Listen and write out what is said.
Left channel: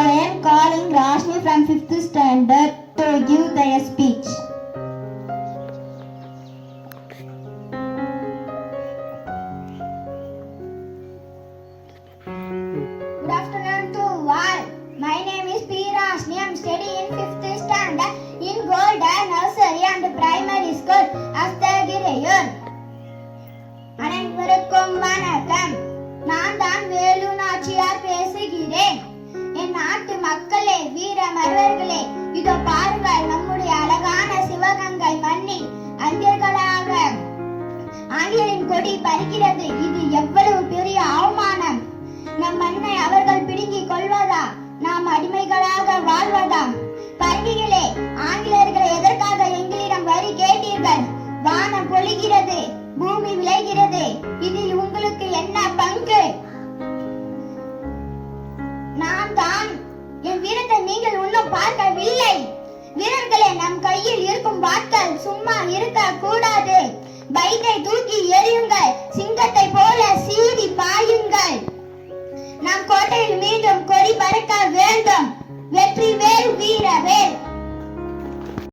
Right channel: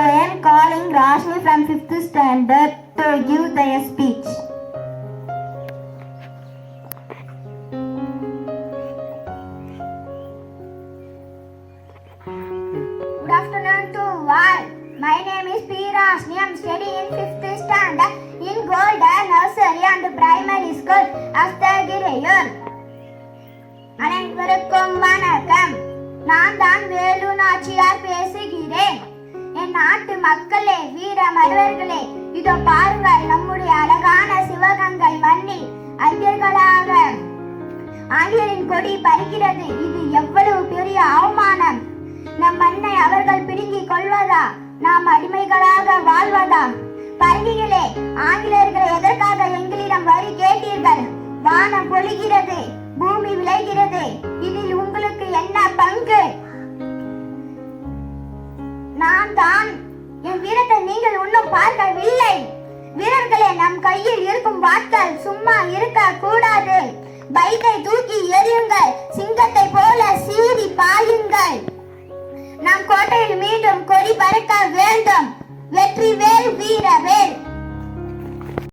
I am calling Rashmi from 5th standard to give their speech. Good afternoon to all. My name is P. Rashmi. I am studying in 5th standard in Golden Nursery and Primary School of Thagirayur. அனைவருக்கும் வணக்கம். நான் தான் வேலு நாச்சியார் பேசுகிறேன். என் நாட்டு மக்களே, வீர மறவர்களே, இதோ பாருங்கள், நம்முடைய அழகான சிவகங்கை மண்ணில் அஞ்சர்களாக ஆங்கிலேயரின் கொடி பறிக்கிறது. இது எவ்வளவு பெரிய அவமானம்! நம் மண்ணை அவர்கள் பிடுங்கிக் கொள்வதா? நாம் அடிமைகளாக வாழ்வதா? பரங்கிகளே, ஆங்கிலேயர்களை எதற்காக எங்களிடம் வரி கேட்டீர்கள்? வானம் பொழிகிறது, பூமி விளைகிறது, இதில் உங்களுக்கு என்ன பங்கு? நான் தான் என் வீரத்தை நீங்கள் இன்னும் பார்க்கவில்லை. வீரர்களே, நம் கையில் இருக்கும் வாட்கள் சும்மா இருக்க கூடாது. பைக்கை தூக்கி எறியுங்கள்.